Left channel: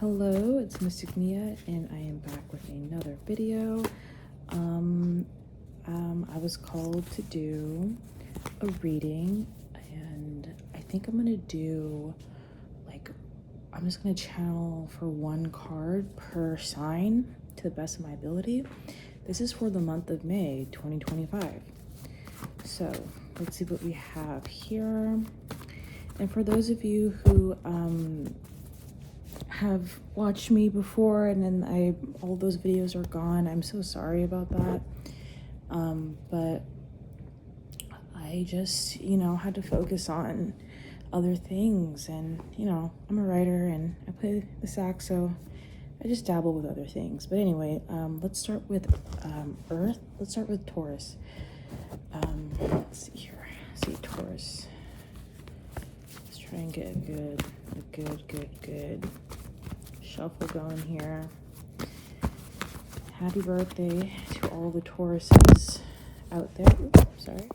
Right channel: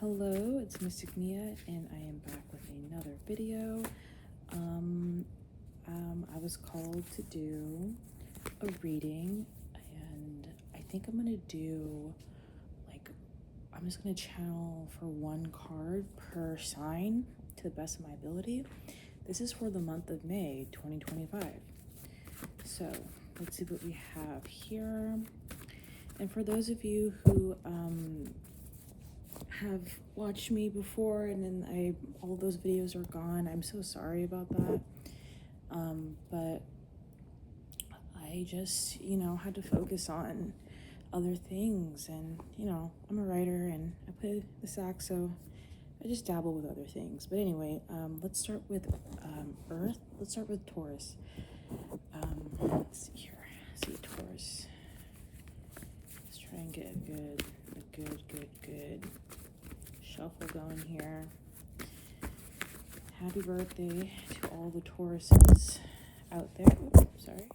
Hello, it's Mystic Mia, and I am back with another video. I was called to do a reading, and I think I'm gonna do I'm just gonna channel for one card per sign to the best of my ability. This is for the month of May 2025. So let's see what we have here. And for those of you who have watched me before and then all those videos are gone, I'm so sorry about that. But I just, had to focus on other things, and I'm a writer and I play the sax, so I just dabble with other things. But anyway, let's start with Earth. Let's start with Taurus. Let's see here. See Taurus. Let's try and get a good shuffle going here. Happy birthday to all the Tauruses out there. Oops, sorry.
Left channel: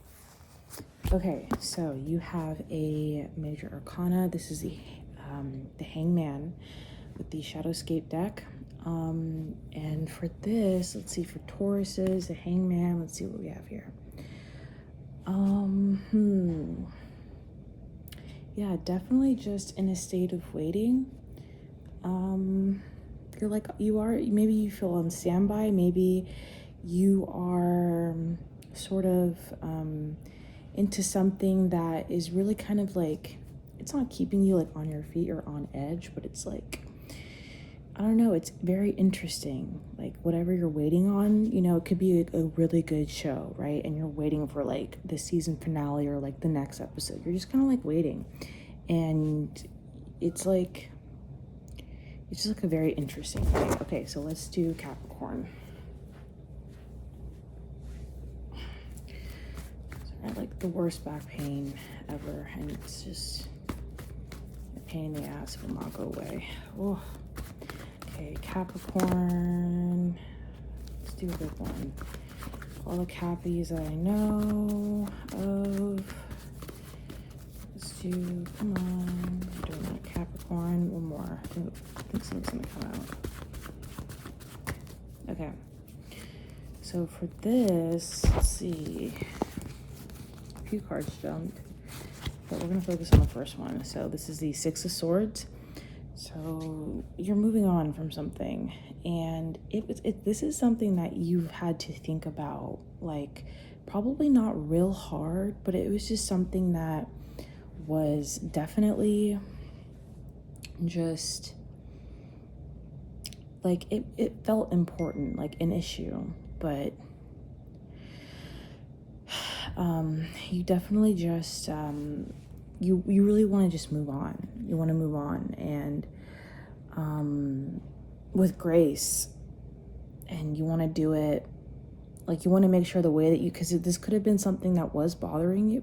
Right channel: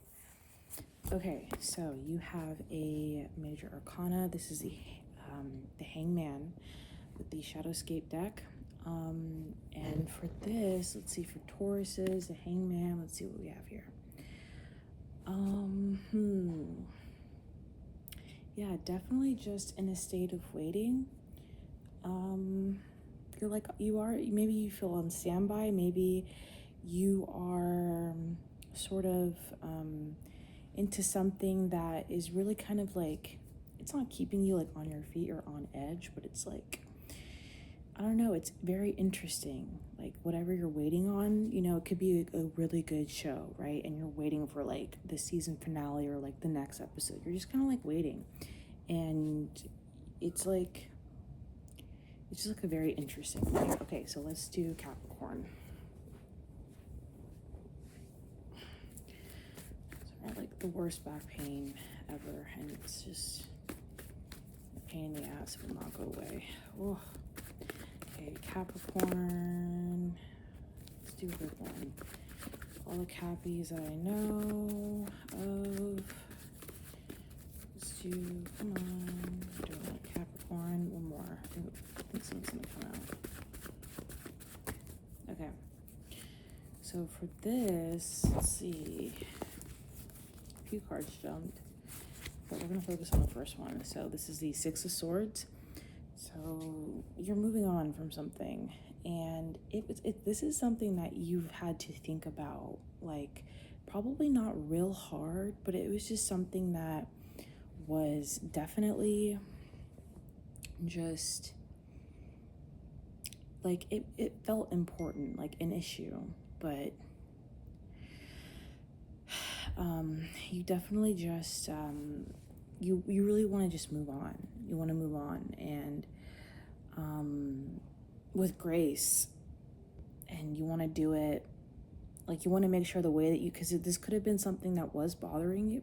Okay, so you have a major arcana. This is the Hangman with the Shadowscape deck. And for this, let's see, for Tauruses, the Hangman, let's see what we have here. Yeah, definitely just in a state of waiting. Maybe you feel on standby, maybe you are sort of into something that is really kind of like, it's not keeping you like on your feet or on edge, but it's like, I don't know, it's very interesting. Like whatever you're waiting on, it could be a really good show, right? And you're waiting for like the season finale or like the next episode. You're just kind of like waiting. And it's just like a very interesting thing. Okay, so let's do Capricorn. I had like the worst back pain ever, and it's just a pain in the ass. It will not go away. Oh. Okay, Capricorn. Let's do a good one. All the Cappies that I know of. Let's do, come on. Doing that Capricorn. One more. I think something's gonna come out. Okay. So for this, let's see. A few cards jumped, but we're gonna focus on the first one. So this is the Six of Swords. So you're moving on from something, and this is something that you've had to think about, like probably not real hard, but it was just something that was definitely just like it felt important, like an issue, but you definitely just you really want to just move on. You want to move on, and with grace, and you want to do it like, you want to make sure the way that because this could have been something that was bothering you,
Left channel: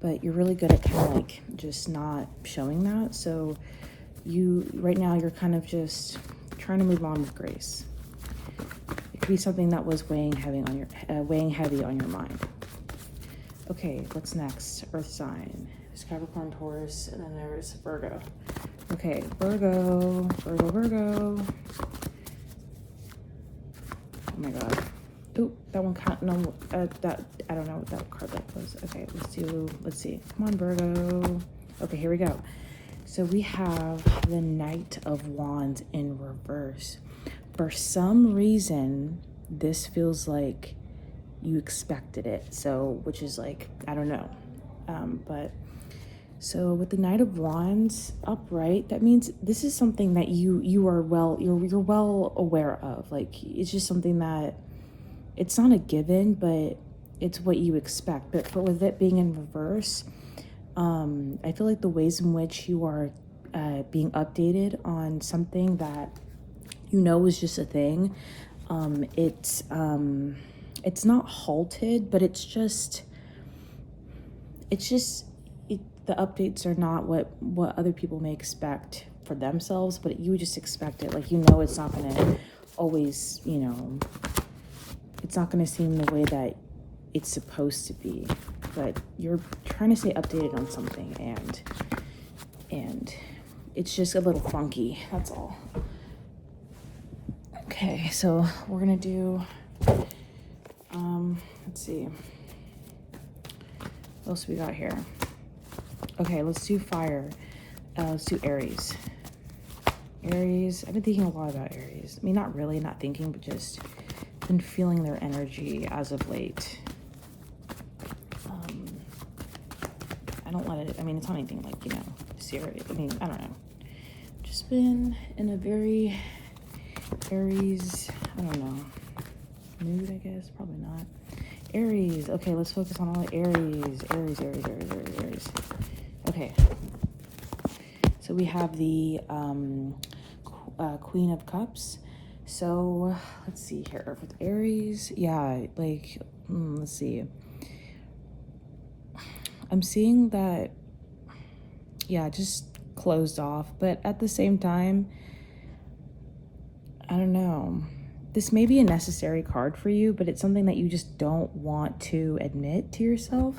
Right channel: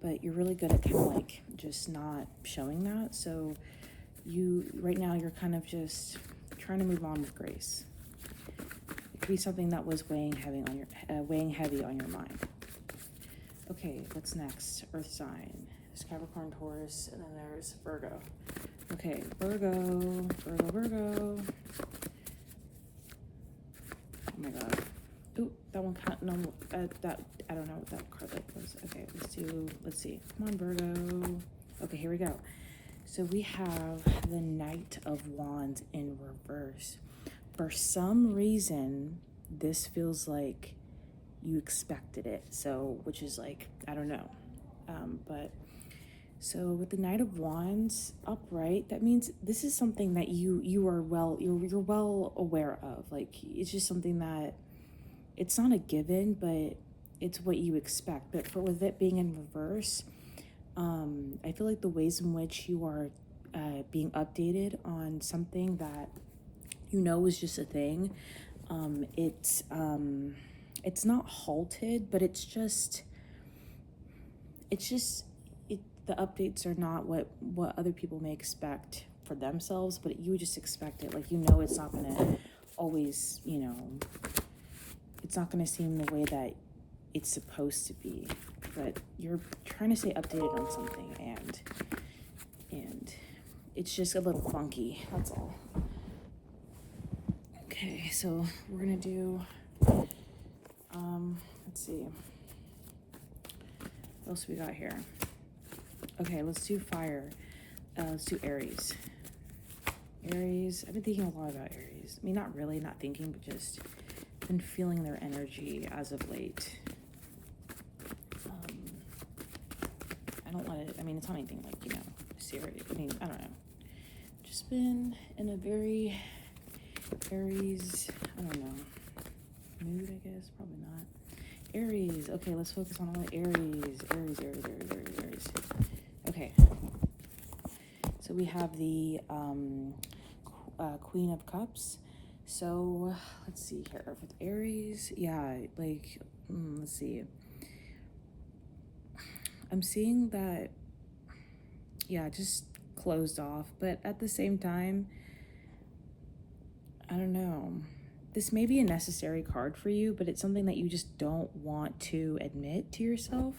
but you're really good at kind of like just not showing that. So right now you're kind of just trying to move on with grace. It could be something that was weighing heavy on your mind. Okay, what's next? Earth sign. There's Capricorn, Taurus, and then there's Virgo. Okay, Virgo. Oh my God. Ooh, that one can't, no, that, I don't know what that card like was. Okay, let's see. Come on, Virgo. Okay, here we go. So we have the Knight of Wands in reverse. For some reason, this feels like you expected it, so which is like, I don't know, but so with the Knight of Wands upright, that means this is something that you're well aware of. Like, it's just something that it's not a given, but it's what you expect. But with it being in reverse, I feel like the ways in which you are being updated on something that is just a thing, it's not halted, but the updates are not what other people may expect for themselves, but you just expect it. Like, it's not going to always, it's not going to seem the way that it's supposed to be, but you're trying to stay updated on something, and it's just a little funky, that's all. Okay, so we're gonna do, let's see, what else we got here? Okay, let's do fire. Let's do Aries. Aries, I've been thinking a lot about Aries. I mean, not really, not thinking, but just been feeling their energy as of late. I don't let it, I mean, it's not anything like, you know, serious. I mean, I don't know. Just been in a very Aries, I don't know, mood, I guess, probably not. Aries, okay, let's focus on all the Aries. Aries. Okay. So we have the Queen of Cups. So let's see here with Aries. Yeah, like, let's see. I'm seeing that, yeah, just closed off. But at the same time, I don't know. This may be a necessary card for you, but it's something that you just don't want to admit to yourself.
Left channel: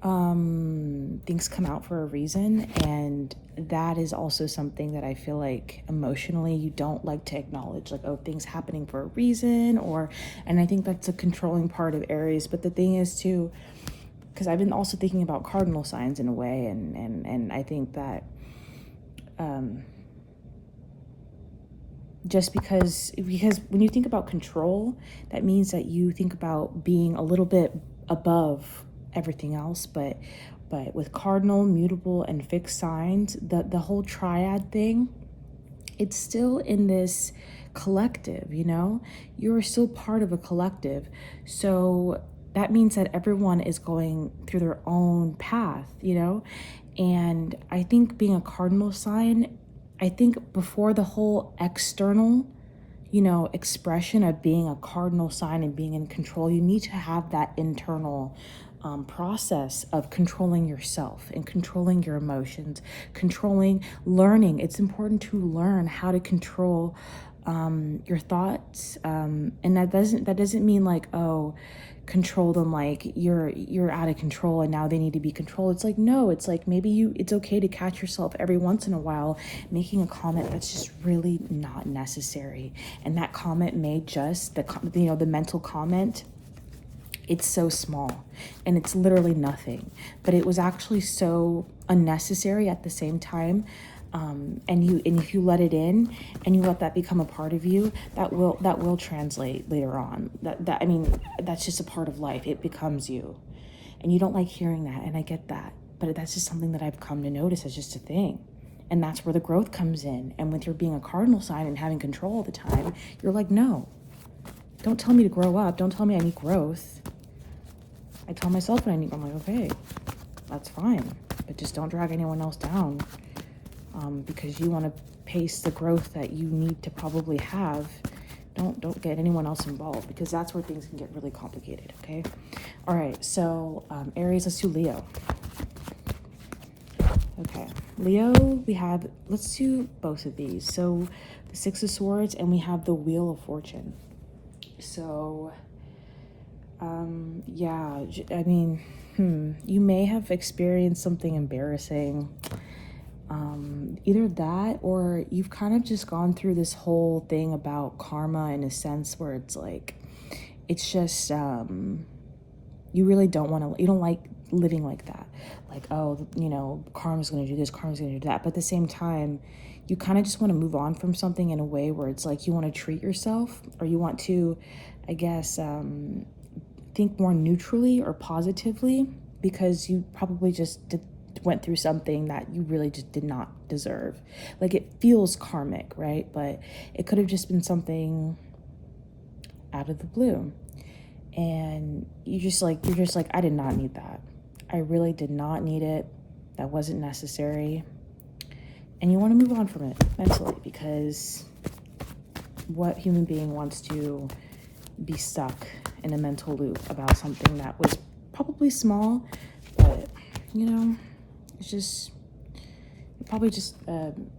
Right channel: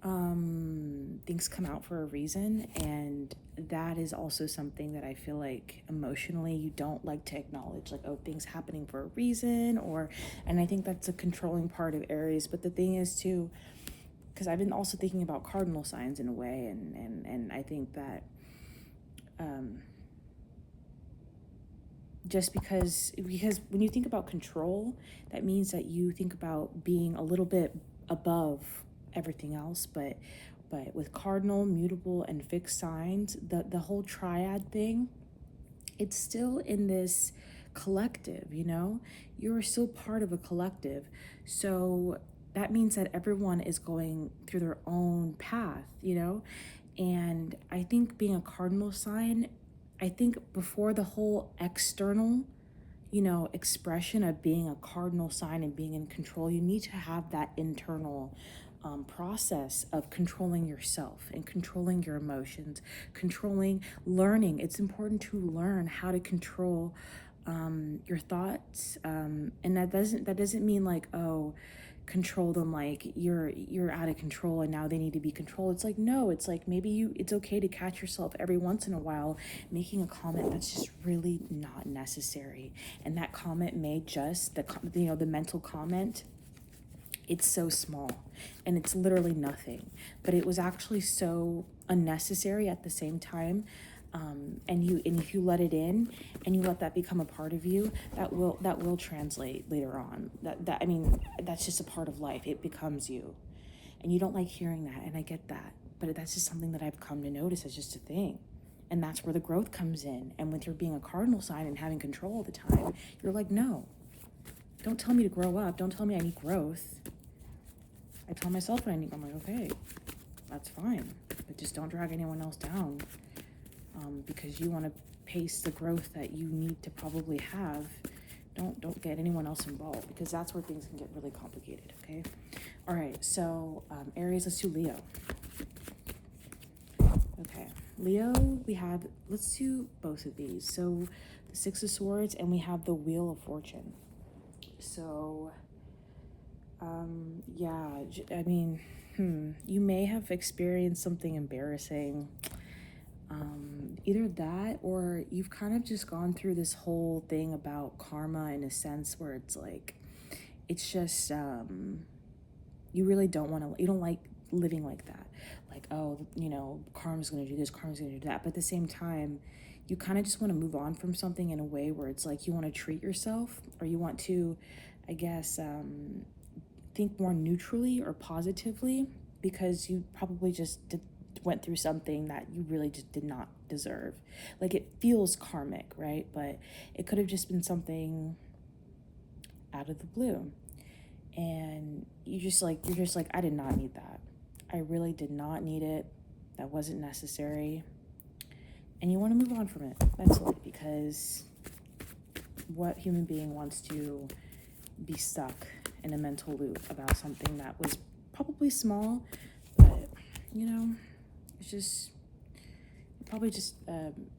Things come out for a reason, and that is also something that I feel like emotionally you don't like to acknowledge, like, oh, things happening for a reason, and I think that's a controlling part of Aries. But the thing is too, because I've been also thinking about cardinal signs in a way, and I think that just because when you think about control, that means that you think about being a little bit above everything else, but with cardinal, mutable, and fixed signs, the whole triad thing, it's still in this collective, you know? You're still part of a collective. So that means that everyone is going through their own path, you know? And I think being a cardinal sign, I think before the whole external, you know, expression of being a cardinal sign and being in control, you need to have that internal process of controlling yourself and controlling your emotions, learning. It's important to learn how to control your thoughts, and that doesn't mean like, oh, control them like you're out of control and now they need to be controlled. It's like, no, it's like maybe it's okay to catch yourself every once in a while making a comment that's just really not necessary, and that comment may just the mental comment, it's so small and it's literally nothing, but it was actually so unnecessary at the same time. And if you let it in and you let that become a part of you, that will translate later on. I mean, that's just a part of life. It becomes you, and you don't like hearing that, and I get that, but that's just something that I've come to notice as just a thing. And that's where the growth comes in. And with your being a cardinal sign and having control all the time, you're like, no, don't tell me to grow up. Don't tell me I need growth. I tell myself what I need. I'm like, okay, that's fine, but just don't drag anyone else down, because you want to pace the growth that you need to probably have. Don't get anyone else involved, because that's where things can get really complicated. Okay. All right. So Aries, let's do Leo. Okay, Leo, let's do both of these. So the Six of Swords, and we have the Wheel of Fortune. So yeah, I mean, you may have experienced something embarrassing. Either that, or you've kind of just gone through this whole thing about karma in a sense where it's like, it's just, you really you don't like living like that. Like, oh, you know, karma's going to do this, karma's going to do that. But at the same time, you kind of just want to move on from something in a way where it's like you want to treat yourself, or you want to, I guess, think more neutrally or positively, because you probably just went through something that you really just did not deserve. Like, it feels karmic, right? But it could have just been something out of the blue. And you're just like, I did not need that. I really did not need it. That wasn't necessary. And you want to move on from it mentally, because what human being wants to be stuck in a mental loop about something that was probably small, but, you know, it's just, you probably just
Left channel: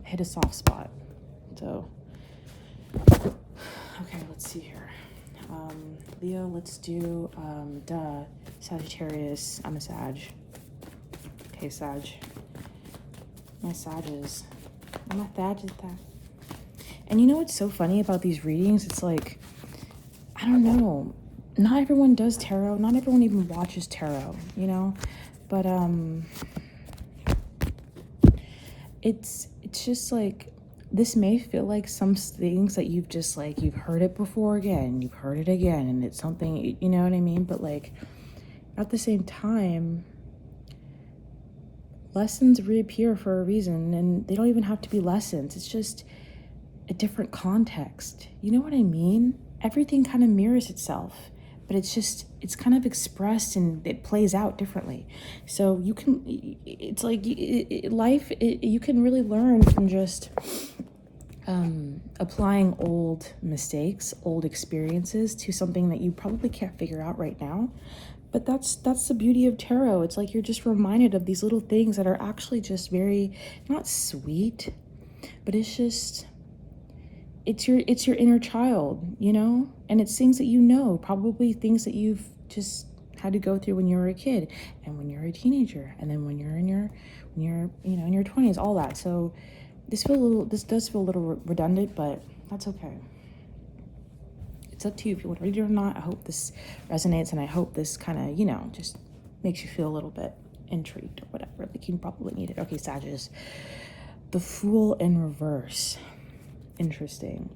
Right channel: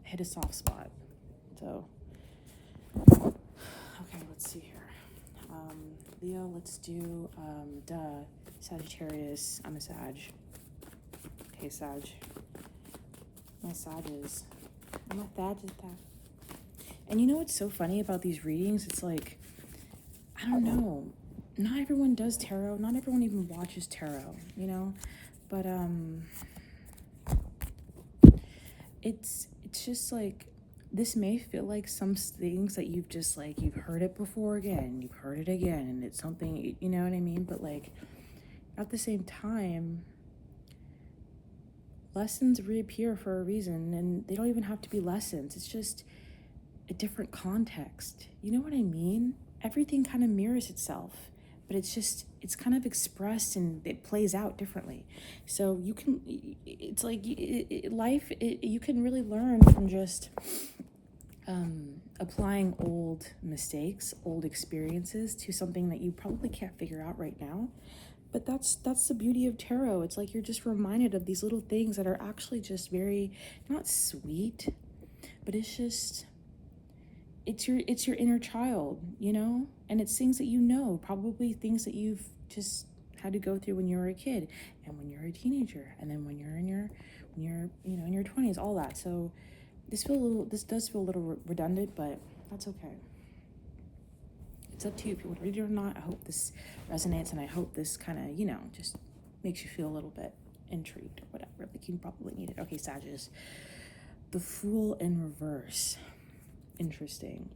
hit a soft spot. So, okay, let's see here. Leo, let's do, Sagittarius. I'm a Sag. Okay, Sag. My Sages. I'm a Sagittarius. And you know what's so funny about these readings? It's like, I don't know. Not everyone does tarot. Not everyone even watches tarot, you know? But it's just like, this may feel like some things that you've just like, you've heard it before again, you've heard it again, and it's something, you know what I mean? But like, at the same time, lessons reappear for a reason, and they don't even have to be lessons. It's just a different context. You know what I mean? Everything kind of mirrors itself, but it's kind of expressed and it plays out differently. So you can, it's like life, you can really learn from just applying old mistakes, old experiences to something that you probably can't figure out right now. But that's the beauty of tarot. It's like you're just reminded of these little things that are actually just very, not sweet, but it's just, it's your inner child, you know? And it's things that you know, probably things that you've just had to go through when you were a kid and when you're a teenager and then when you're in your in your 20s, all that. So this does feel a little redundant, but that's okay. It's up to you if you want to read it or not. I hope this resonates, and I hope this kind of, just makes you feel a little bit intrigued or whatever. Like, you probably need it. Okay, Sagittarius. The Fool in reverse. Interesting.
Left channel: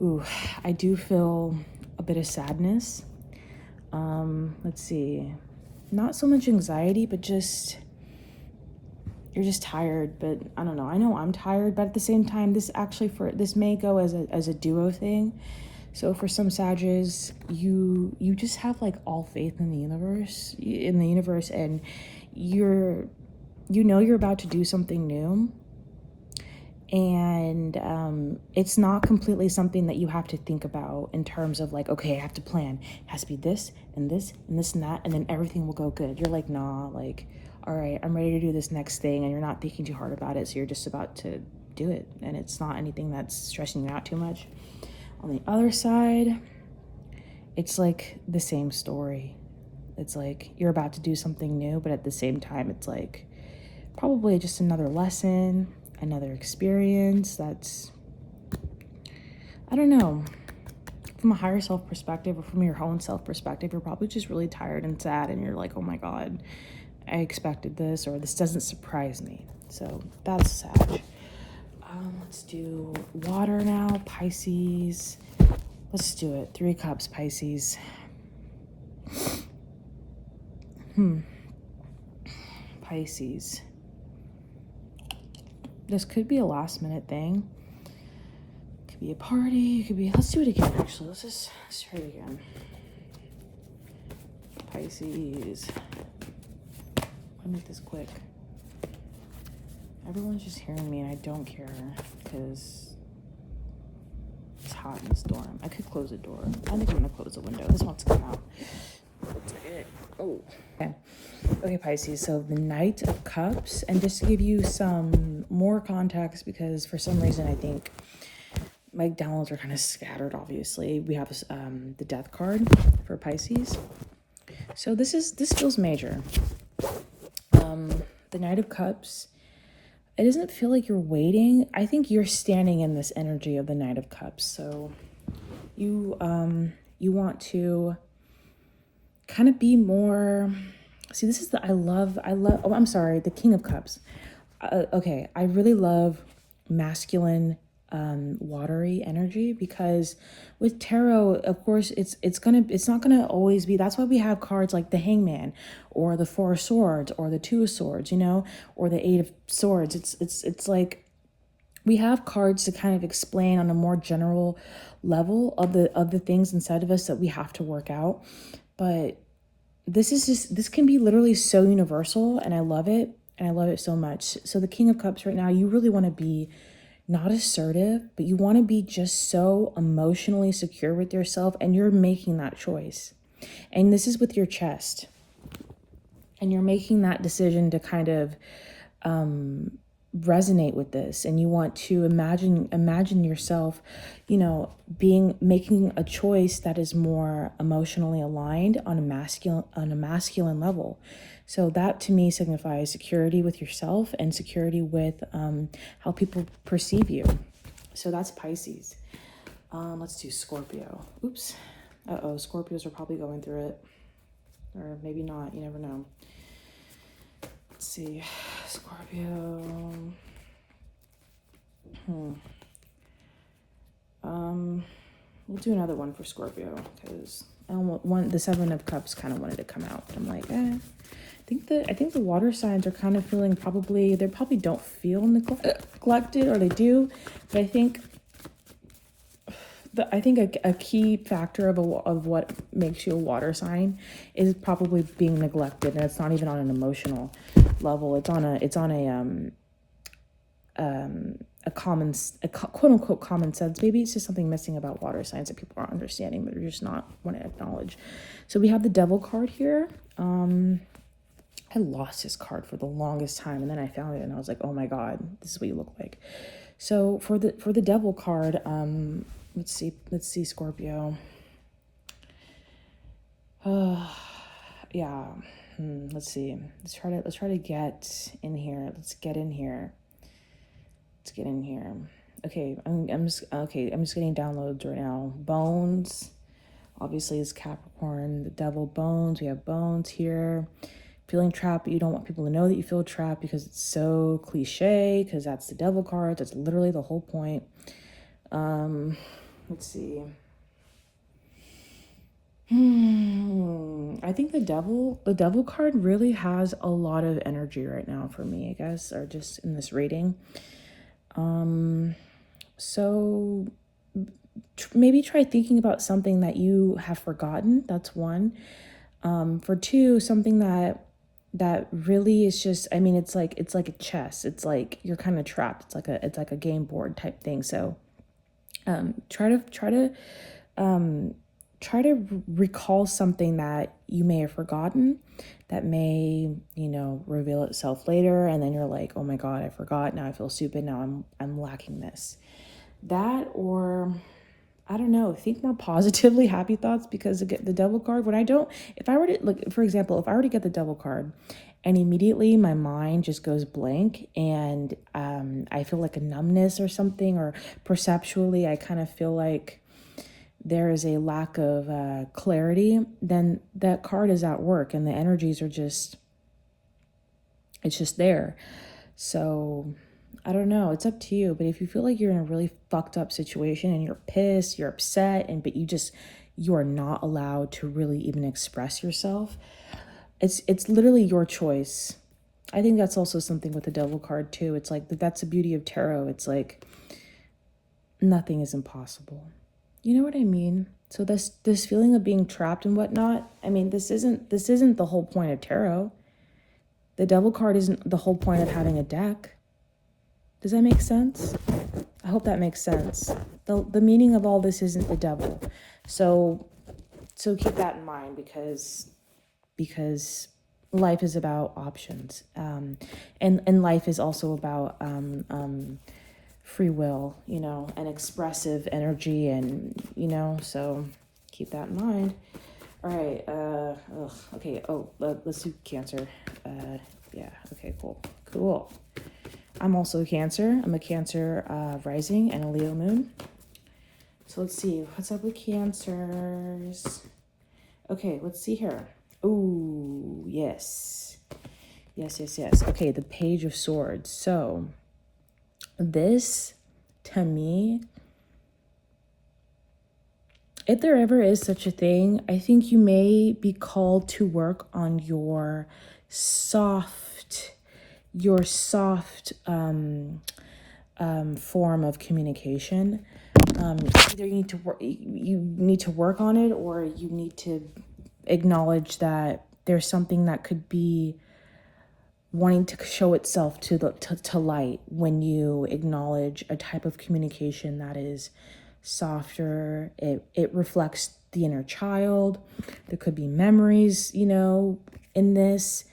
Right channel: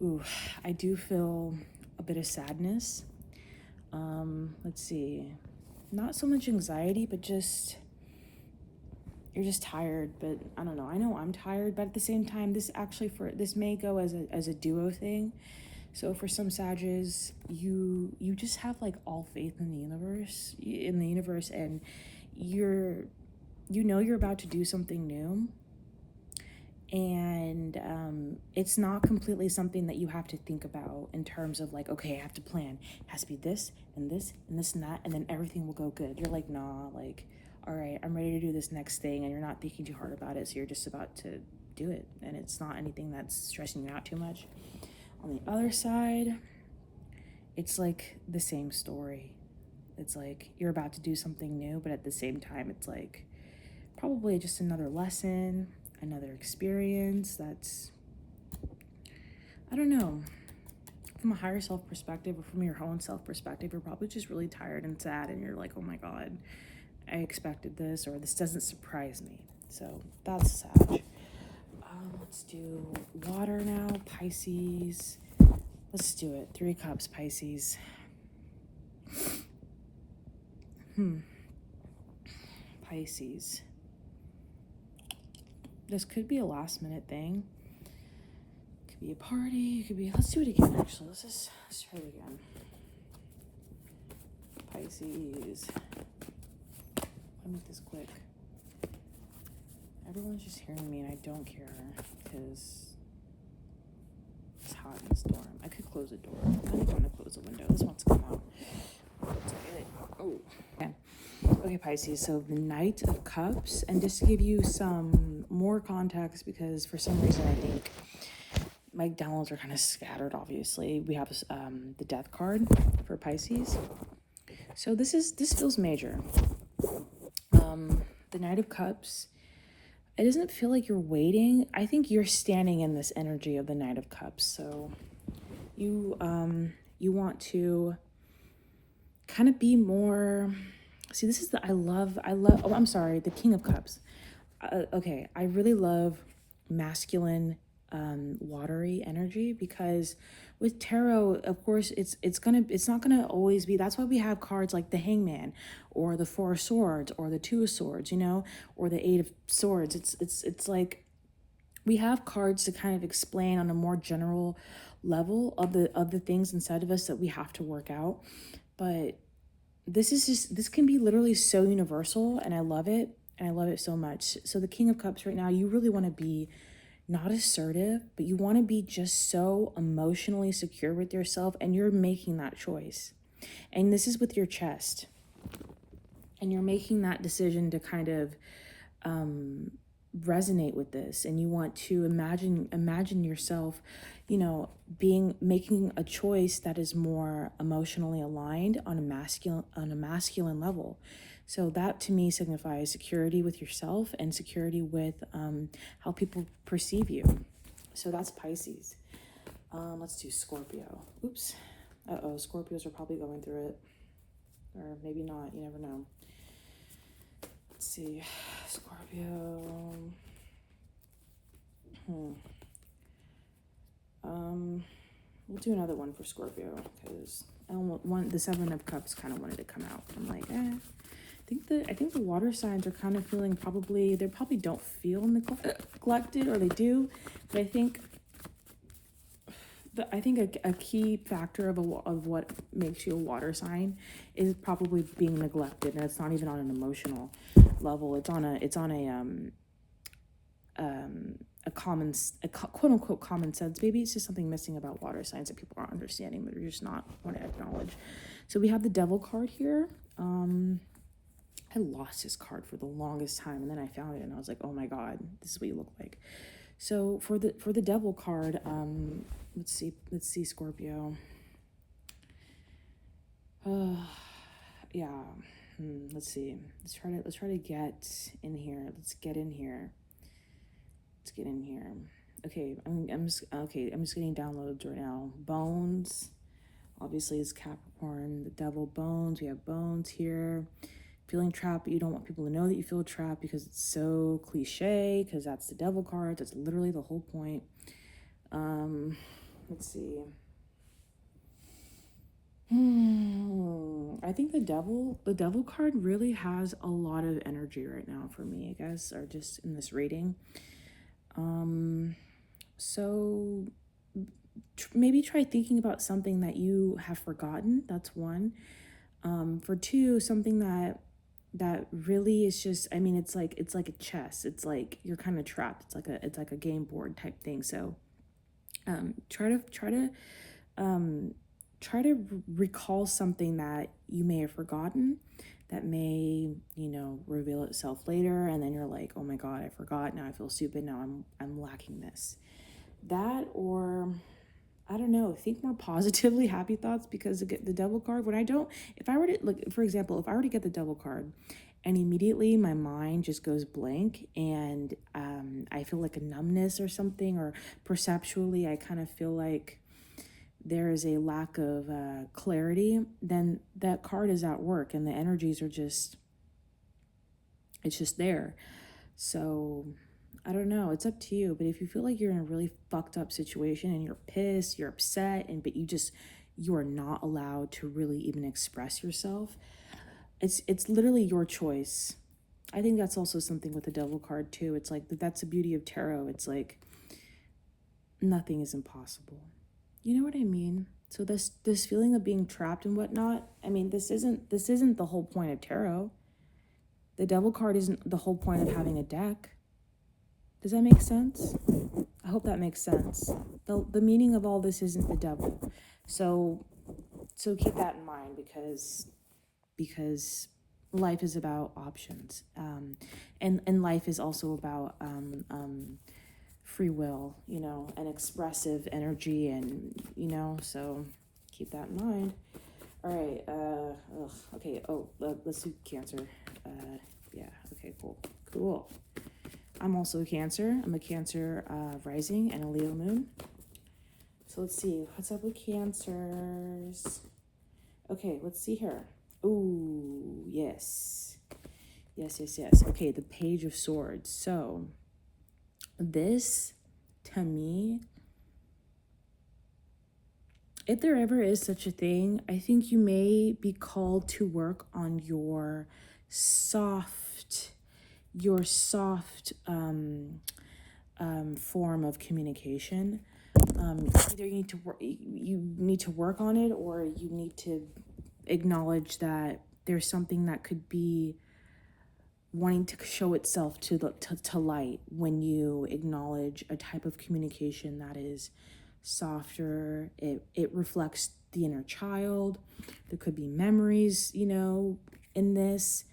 Ooh, I do feel a bit of sadness. Let's see. Not so much anxiety, but just, you're just tired. But I don't know. I know I'm tired, but at the same time, this may go as a duo thing. So for some Sagittarius, you just have like all faith in the universe, and you're about to do something new. And it's not completely something that you have to think about in terms of like, okay, I have to plan. It has to be this and this and this and that, and then everything will go good. You're like, nah, like, all right, I'm ready to do this next thing, and you're not thinking too hard about it, so you're just about to do it, and it's not anything that's stressing you out too much. On the other side, it's like the same story. It's like you're about to do something new, but at the same time, it's like probably just another lesson, another experience that's, I don't know, from a higher self perspective or from your own self perspective, you're probably just really tired and sad, and you're like, oh my God, I expected this, or this doesn't surprise me. So that's Sag. Let's do water now, Pisces. Let's do it. 3 Cups, Pisces. Pisces. This could be a last minute thing. Could be a party. It could be, let's do it again, actually. Let's try it again. Pisces. I'll make this quick. Everyone's just hearing me, and I don't care because it's hot in this dorm. I could close the door. I think I'm gonna close the window. This wants to come out. Looks like it. Oh, okay. Okay, Pisces. So the Knight of Cups, and just to give you some more context, because for some reason I think my downloads are kind of scattered. Obviously, we have the Death card for Pisces. So this feels major. The Knight of Cups. It doesn't feel like you're waiting. I think you're standing in this energy of the Knight of Cups. So you want to kind of be more, see, this is the, oh, I'm sorry, the King of Cups. Okay, I really love masculine, watery energy, because with tarot, of course, it's not gonna always be. That's why we have cards like the Hangman, or the 4 of Swords, or the 2 of Swords, or the 8 of Swords. It's like we have cards to kind of explain on a more general level of the things inside of us that we have to work out. But this can be literally so universal, and I love it, and I love it so much. So the King of Cups right now, you really want to be not assertive, but you want to be just so emotionally secure with yourself, and you're making that choice. And this is with your chest. And you're making that decision to kind of resonate with this, and you want to imagine yourself, making a choice that is more emotionally aligned on a masculine level. So that to me signifies security with yourself and security with how people perceive you. So that's Pisces. Let's do Scorpio. Oops. Uh-oh, Scorpios are probably going through it. Or maybe not, you never know. Let's see, Scorpio. We'll do another one for Scorpio because the Seven of Cups kind of wanted to come out. I'm like, I think the water signs are kind of feeling they probably don't feel neglected, or they do, but I think a key factor of what makes you a water sign is probably being neglected, and it's not even on an emotional level. It's on a quote unquote common sense. Maybe it's just something missing about water signs that people aren't understanding, but they're just not want to acknowledge. So we have the Devil card here. I lost this card for the longest time, and then I found it, and I was like, oh my God, this is what you look like. So for the Devil card, let's see Scorpio. Yeah. Let's see. Let's try to get in here. Let's get in here. Okay, I'm just getting downloads right now. Bones, obviously, is Capricorn. The Devil, bones. We have bones here. Feeling trapped, but you don't want people to know that you feel trapped because it's so cliche, because that's the Devil card. That's literally the whole point. Let's see. I think the devil card really has a lot of energy right now for me, I guess, or just in this reading. So maybe try thinking about something that you have forgotten. That's one. For two, something that really is just, I mean, it's like a chess. It's like you're kind of trapped. It's like a game board type thing. So try to recall something that you may have forgotten that may, reveal itself later, and then you're like, oh my God, I forgot. Now I feel stupid. Now I'm lacking this. That, or I don't know, think more positively, happy thoughts, because the Devil card, if I were to, like, for example, if I were to get the Devil card and immediately my mind just goes blank and I feel like a numbness or something, or perceptually I kind of feel like there is a lack of clarity, then that card is at work and the energies are it's just there. So I don't know, it's up to you. But if you feel like you're in a really fucked up situation and you're pissed, you're upset, but you are not allowed to really even express yourself, it's literally your choice. I think that's also something with the Devil card too. It's like, that's the beauty of tarot. It's like nothing is impossible. You know what I mean? So this feeling of being trapped and whatnot, I mean, this isn't the whole point of tarot. The Devil card isn't the whole point of having a deck. Does that make sense? I hope that makes sense. The meaning of all this isn't the devil. So keep that in mind, because life is about options. And life is also about free will, and expressive energy, and so keep that in mind. All right. Okay. Let's do Cancer. Yeah. Okay. Cool. I'm also a Cancer. I'm a Cancer rising and a Leo moon. So let's see what's up with Cancers. Okay. Let's see here. Ooh, yes. Okay. The Page of Swords. So this, to me, if there ever is such a thing, I think you may be called to work on your soft form of communication. Either you need to work on it, or you need to acknowledge that there's something that could be wanting to show itself to light when you acknowledge a type of communication that is softer. It reflects the inner child. There could be memories, in this.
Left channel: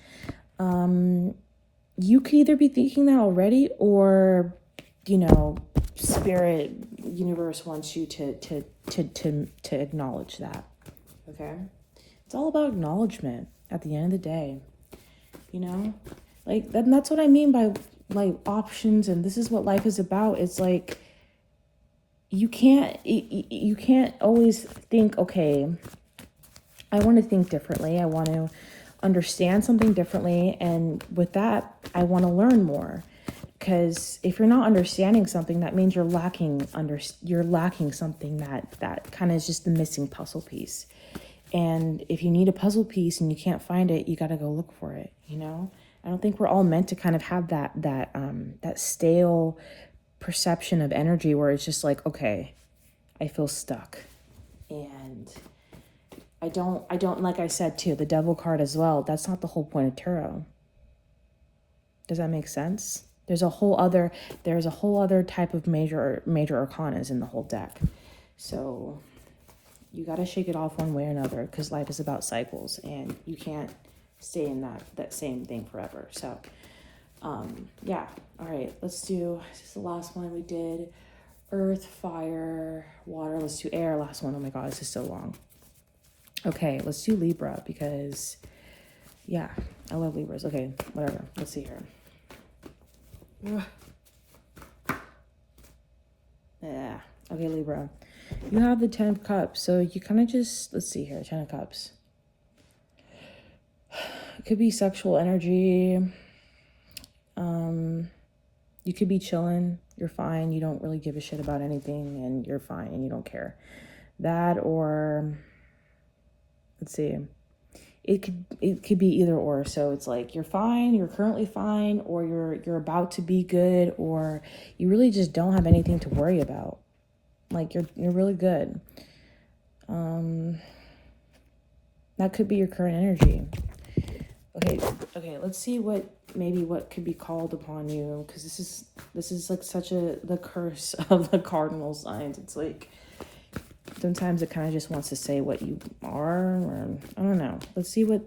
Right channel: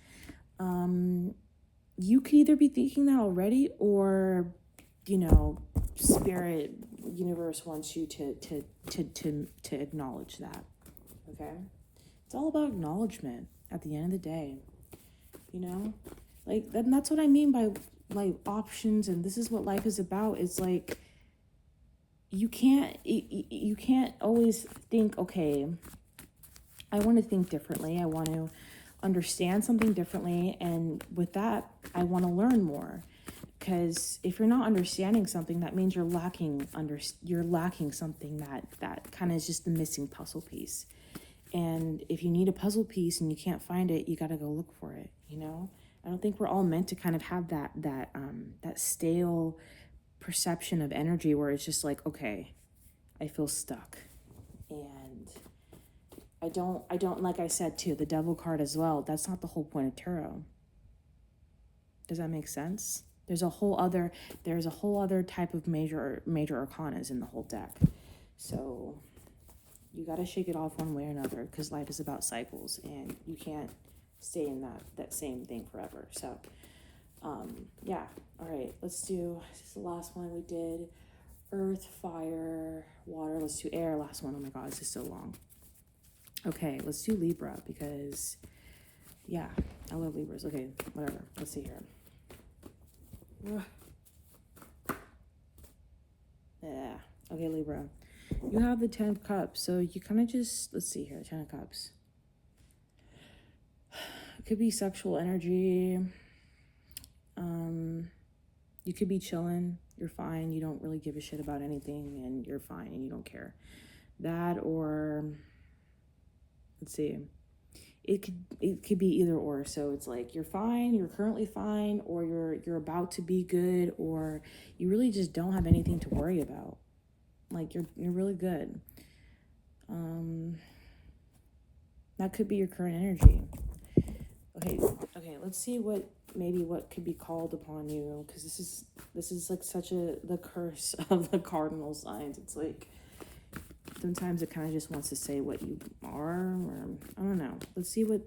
You could either be thinking that already, or spirit, universe wants you to acknowledge that. Okay, it's all about acknowledgement at the end of the day. you know? Like, that's what I mean by, like, options, and this is what life is about. It's like, you can't always think, okay, I want to think differently. I want to understand something differently. And with that, I want to learn more. Because if you're not understanding something, that means you're lacking something that kind of is just the missing puzzle piece. And if you need a puzzle piece and you can't find it, you got to go look for it, you know? I don't think we're all meant to kind of have that stale perception of energy where it's just like, okay, I feel stuck. And I don't, like I said too, the devil card as well, that's not the whole point of tarot. Does that make sense? There's a whole other type of major arcanas in the whole deck. So you got to shake it off one way or another, because life is about cycles and you can't stay in that same thing forever. So yeah. All right, let's do, this is the last one we did. Earth, fire, water. Let's do air. Last one. Oh my God, this is so long. Okay, let's do Libra, because yeah, I love Libras. Okay, whatever. Let's see here. Yeah. Okay, Libra. You have the 10 of Cups. So you kind of just, let's see here, 10 of Cups. It could be sexual energy. You could be chilling. You're fine. You don't really give a shit about anything, and you're fine and you don't care. That, or let's see. It could be either or. So it's like you're fine, you're currently fine, or you're about to be good, or you really just don't have anything to worry about. Like you're really good. That could be your current energy. Okay, let's see what could be called upon you, because this is like such the curse of the cardinal signs. It's like sometimes it kind of just wants to say what you are, or I don't know. Let's see what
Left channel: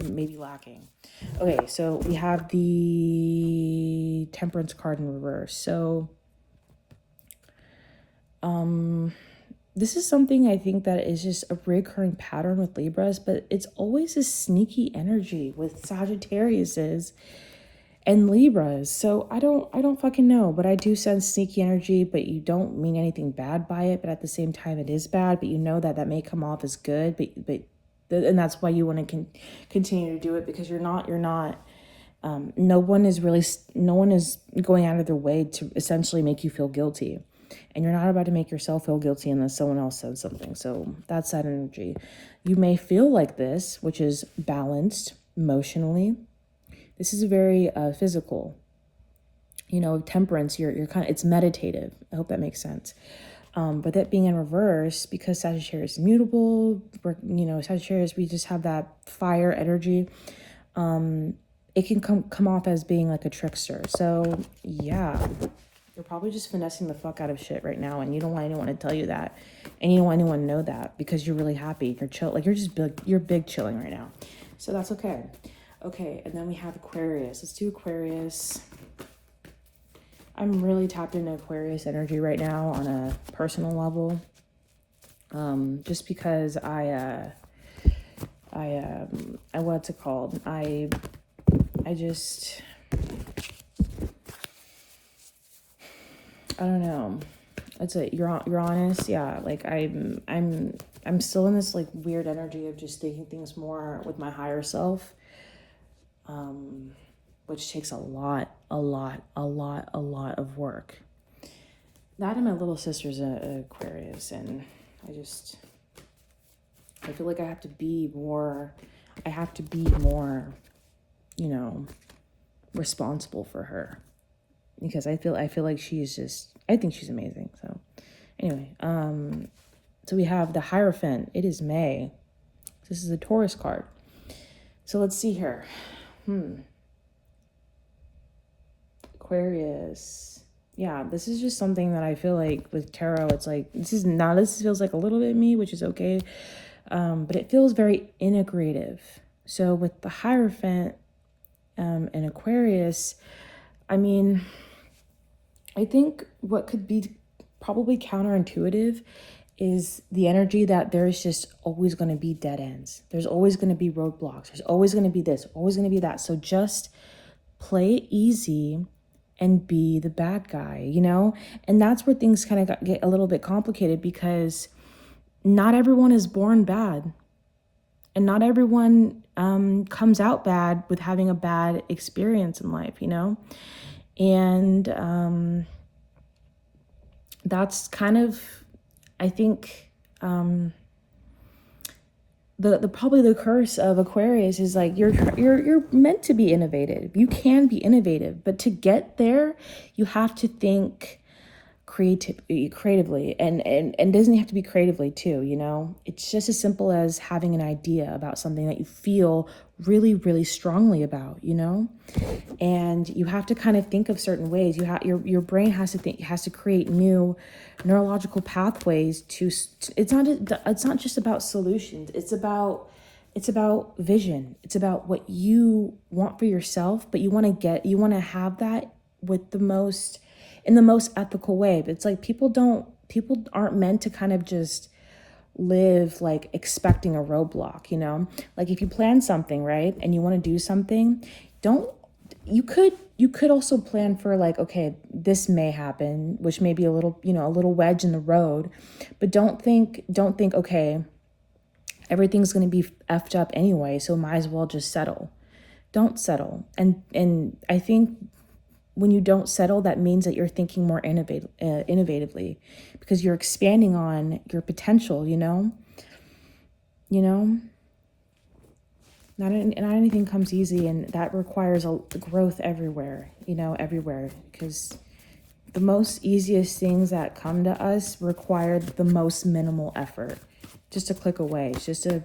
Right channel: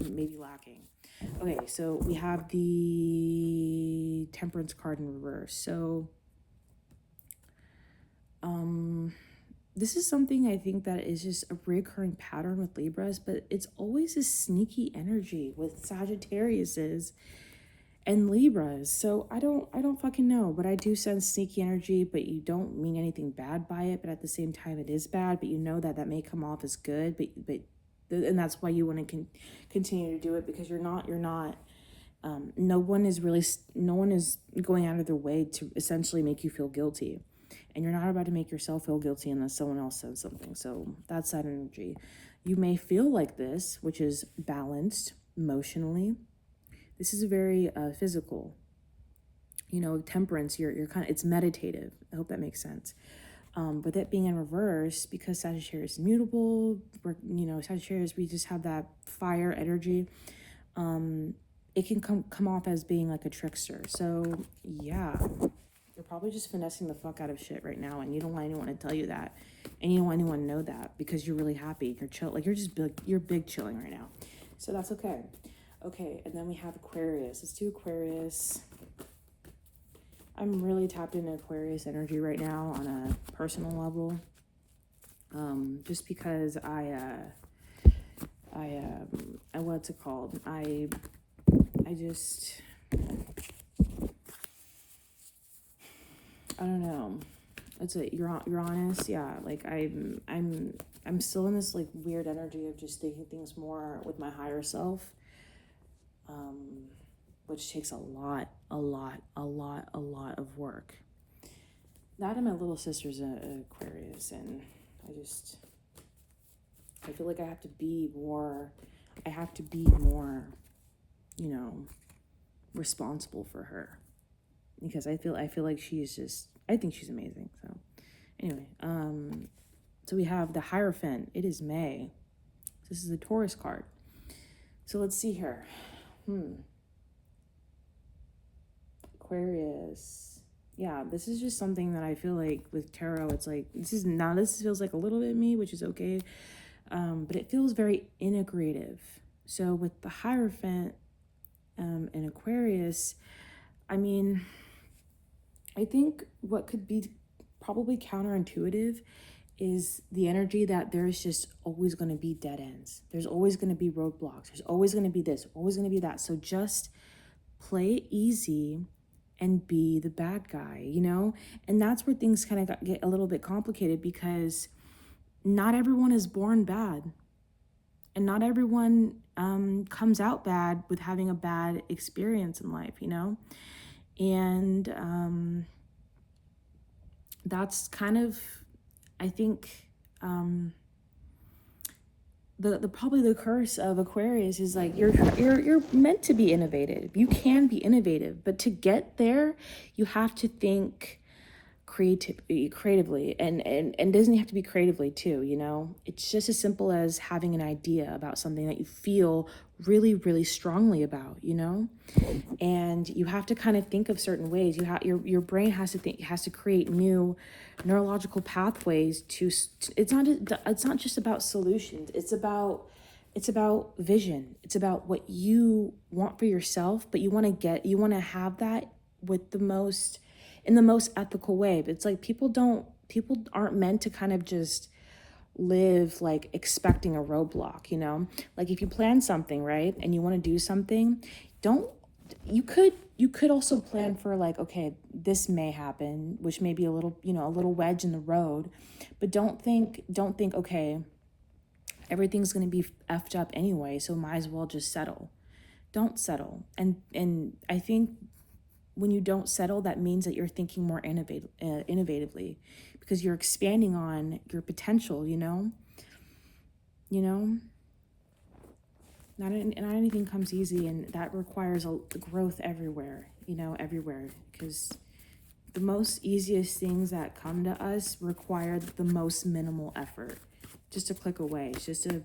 you may be lacking. Okay, so we have the Temperance card in reverse. So this is something I think that is just a recurring pattern with Libras, but it's always a sneaky energy with Sagittariuses and Libras. So I don't fucking know, but I do sense sneaky energy, but you don't mean anything bad by it. But at the same time, it is bad, but you know that may come off as good, and that's why you want to continue to do it, because you're not, no one is going out of their way to essentially make you feel guilty. And you're not about to make yourself feel guilty unless someone else says something. So that's that energy. You may feel like this, which is balanced emotionally. This is very physical. You know, Temperance, you're kind of, it's meditative. I hope that makes sense. But that being in reverse, because Sagittarius is mutable, Sagittarius, we just have that fire energy. It can come off as being like a trickster. So yeah. You're probably just finessing the fuck out of shit right now, and you don't want anyone to tell you that, and you don't want anyone to know that, because you're really happy. You're chill, like you're big chilling right now. So that's okay. Okay, and then we have Aquarius. Let's do Aquarius. I'm really tapped into Aquarius energy right now on a personal level. Just because I what's it called? I just, I don't know. It's a Uranus, yeah. Like I'm still in this like weird energy of just thinking things more with my higher self, which takes a lot of work. That and my little sister's Aquarius, and I feel like I have to be more, responsible for her. Because I feel like I think she's amazing. So anyway, so we have the Hierophant. It is May. This is a Taurus card. So let's see here. Aquarius. Yeah, this is just something that I feel like with tarot, it's like, this feels like a little bit me, which is okay. But it feels very integrative. So with the Hierophant and Aquarius, I mean, I think what could be probably counterintuitive is the energy that there's just always going to be dead ends. There's always going to be roadblocks. There's always going to be this, always going to be that. So just play it easy and be the bad guy, you know? And that's where things kind of get a little bit complicated, because not everyone is born bad. And not everyone comes out bad with having a bad experience in life, you know? And that's kind of, I think, the probably the curse of Aquarius is like you're meant to be innovative. You can be innovative, but to get there, you have to think creatively, and doesn't have to be creatively too, you know? It's just as simple as having an idea about something that you feel really, really strongly about, you know? And you have to kind of think of certain ways. Your brain has to create new neurological pathways to it's not just about solutions. It's about vision. It's about what you want for yourself, but you want to have that with in the most ethical way. But it's like people aren't meant to kind of just live like expecting a roadblock, you know? Like if you plan something, right, and you want to do something, you could also plan for like, okay, this may happen, which may be a little, you know, a little wedge in the road, but don't think, okay, everything's going to be effed up anyway, so might as well just settle. Don't settle. And I think when you don't settle, that means that you're thinking more innovatively, because you're expanding on your potential, you know? Not anything comes easy, and that requires a growth everywhere, you know, everywhere, because the most easiest things that come to us require the most minimal effort. Just a click away. It's just a,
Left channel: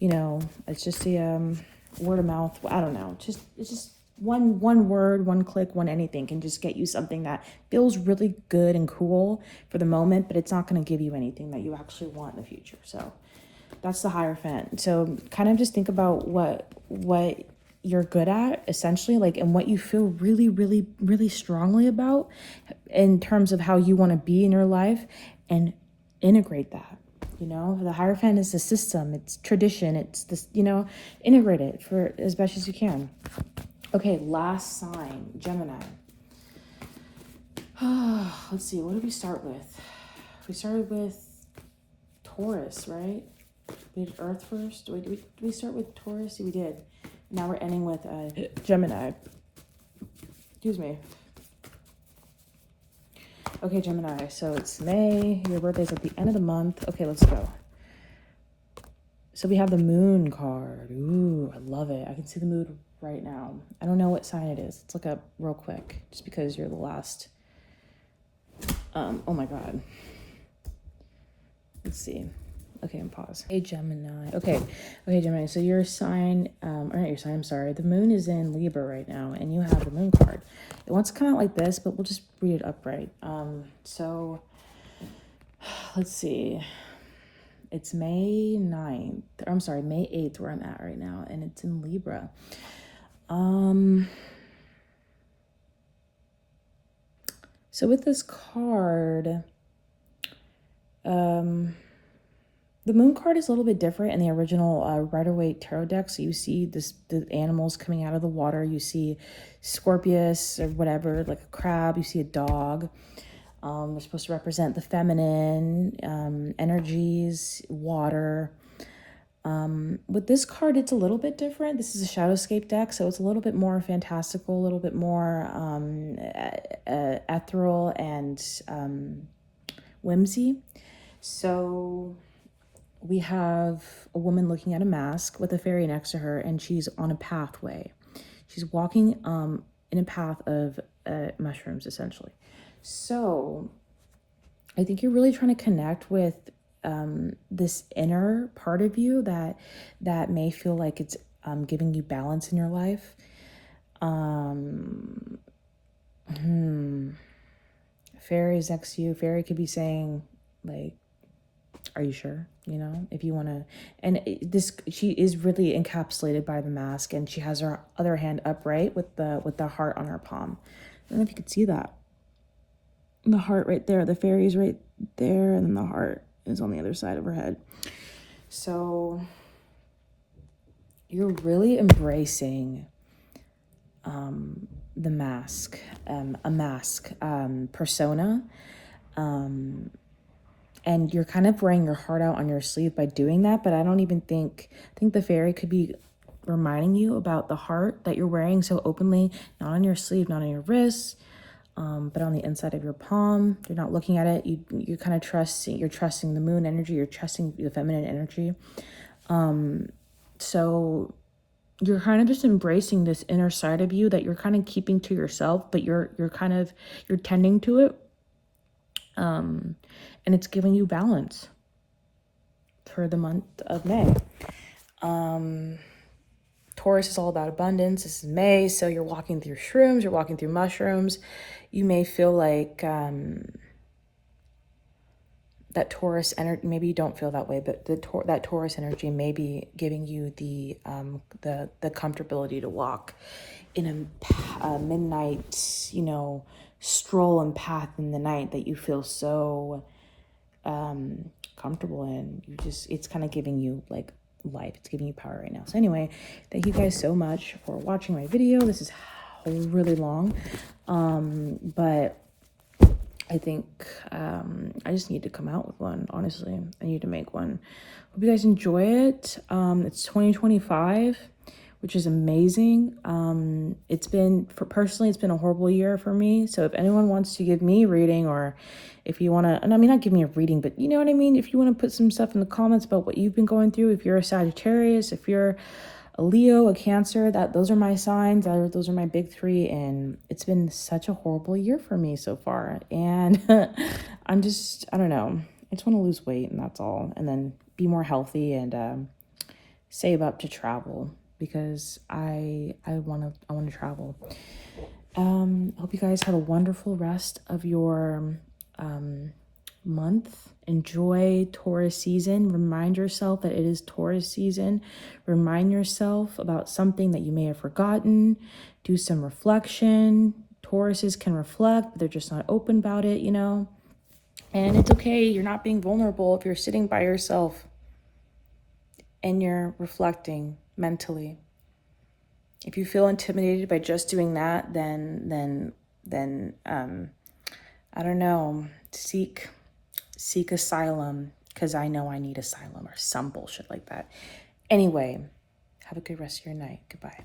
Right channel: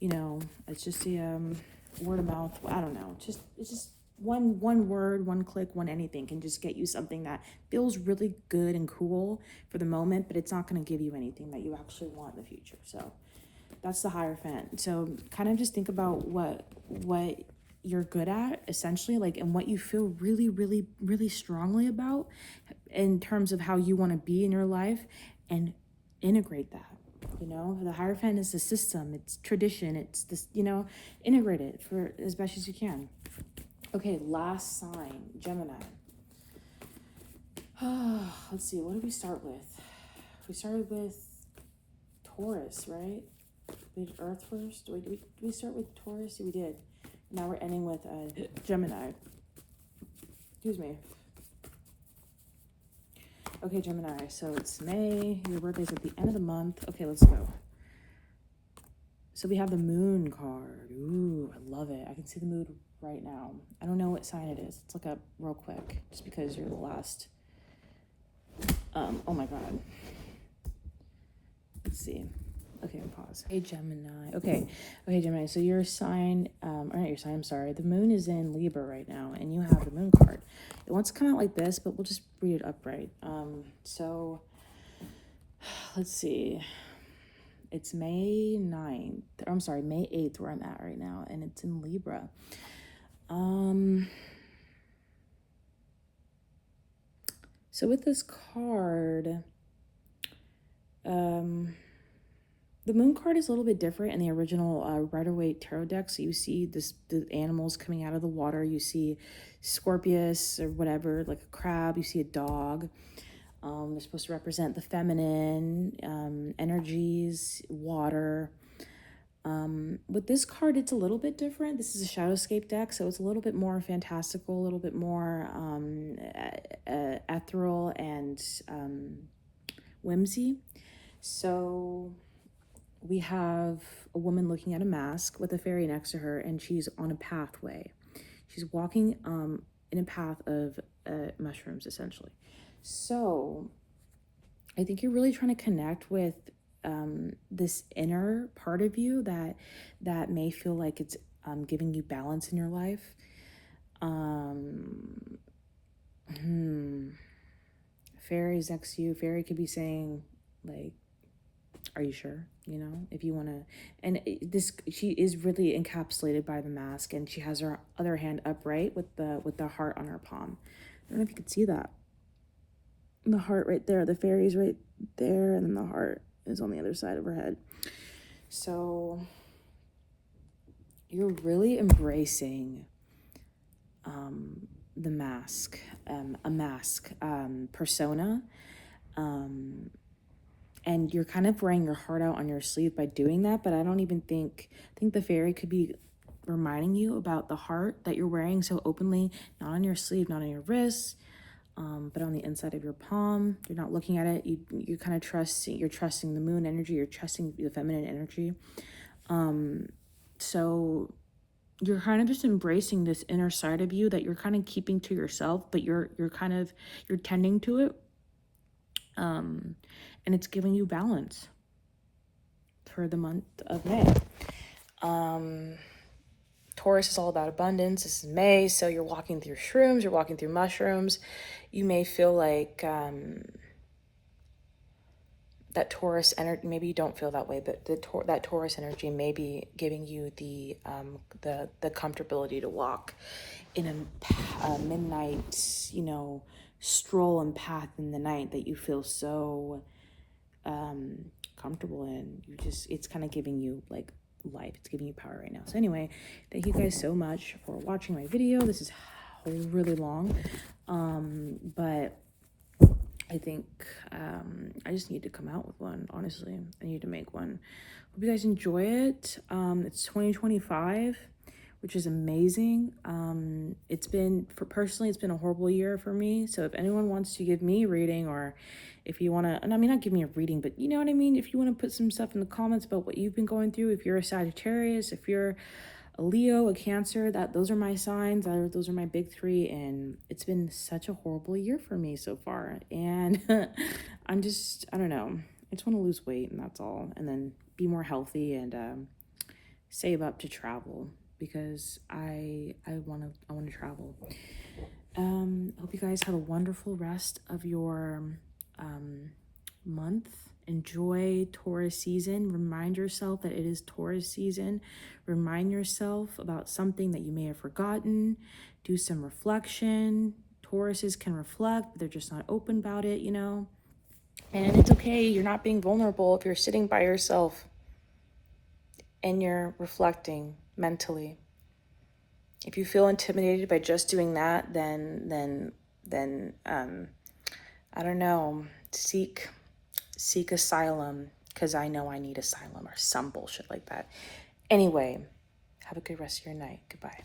you know, it's just the word of mouth. I don't know. It's just one word, one click, one anything can just get you something that feels really good and cool for the moment, but it's not going to give you anything that you actually want in the future. So that's the Hierophant. So kind of just think about what you're good at, essentially, like, and what you feel really, really, really strongly about in terms of how you want to be in your life, and integrate that. You know, the Hierophant is the system, it's tradition, it's this, you know, integrate it for as best as you can. Okay, last sign, Gemini. Let's see, what did we start with? We started with Taurus, right? We did Earth first. Did we start with Taurus? We did. Now we're ending with Gemini. Excuse me. Okay, Gemini. So it's May. Your birthday's at the end of the month. Okay, let's go. So we have the Moon card. Ooh, I love it. I can see the moon right now. I don't know what sign it is. Let's look up real quick, just because you're the last. Oh my God. Let's see. Okay, and pause. Hey, Gemini. Okay, Gemini. So your sign, or not your sign, I'm sorry. The moon is in Libra right now, and you have the moon card. It wants to come out like this, but we'll just read it upright. So let's see. It's May 9th. I'm sorry, May 8th where I'm at right now, and it's in Libra. So with this card, the moon card is a little bit different in the original Rider-Waite tarot deck. So you see the animals coming out of the water. You see Scorpius or whatever, like a crab. You see a dog. They're supposed to represent the feminine energies, water. With this card, it's a little bit different. This is a Shadowscape deck, so it's a little bit more fantastical, a little bit more ethereal and whimsy. So we have a woman looking at a mask with a fairy next to her, and she's on a pathway. She's walking in a path of mushrooms, essentially. So I think you're really trying to connect with this inner part of you that may feel like it's giving you balance in your life. Fairies next to you. Fairy could be saying, like, are you sure? You know, if you want to, and she is really encapsulated by the mask, and she has her other hand upright with the heart on her palm. I don't know if you could see that. the heart right there. The fairy's right there, and then the heart is on the other side of her head. So you're really embracing the mask, a mask persona. And you're kind of wearing your heart out on your sleeve by doing that. But I don't even think the fairy could be reminding you about the heart that you're wearing so openly, not on your sleeve, not on your wrist, but on the inside of your palm. You're not looking at it. You kind of you're trusting the moon energy. You're trusting the feminine energy. So you're kind of just embracing this inner side of you that you're kind of keeping to yourself, but you're tending to it. And it's giving you balance for the month of May. Taurus is all about abundance. This is May, so you're walking through shrooms, you're walking through mushrooms. You may feel like that Taurus energy, maybe you don't feel that way, but that Taurus energy may be giving you the comfortability to walk in a midnight, stroll and path in the night that you feel so comfortable in. It's kind of giving you like life. It's giving you power right now. So anyway, thank you guys so much for watching my video. This is really long, but I think I just need to come out with one. Honestly, I need to make one. Hope you guys enjoy it. It's 2025, which is amazing. It's been a horrible year for me. So if anyone wants to give me a reading, or if you want to, and I mean, not give me a reading, but you know what I mean? If you want to put some stuff in the comments about what you've been going through, if you're a Sagittarius, if you're a Leo, a Cancer, those are my signs. Those are my big three. And it's been such a horrible year for me so far. And I don't know. I just want to lose weight, and that's all. And then be more healthy and save up to travel, because I want to travel. Hope you guys have a wonderful rest of your month. Enjoy Taurus season. Remind yourself that it is Taurus season. Remind yourself about something that you may have forgotten. Do some reflection. Tauruses can reflect, but they're just not open about it, And it's okay. You're not being vulnerable if you're sitting by yourself and you're reflecting mentally. If you feel intimidated by just doing that, then I don't know, seek asylum, because I know I need asylum or some bullshit like that. Anyway, have a good rest of your night. Goodbye.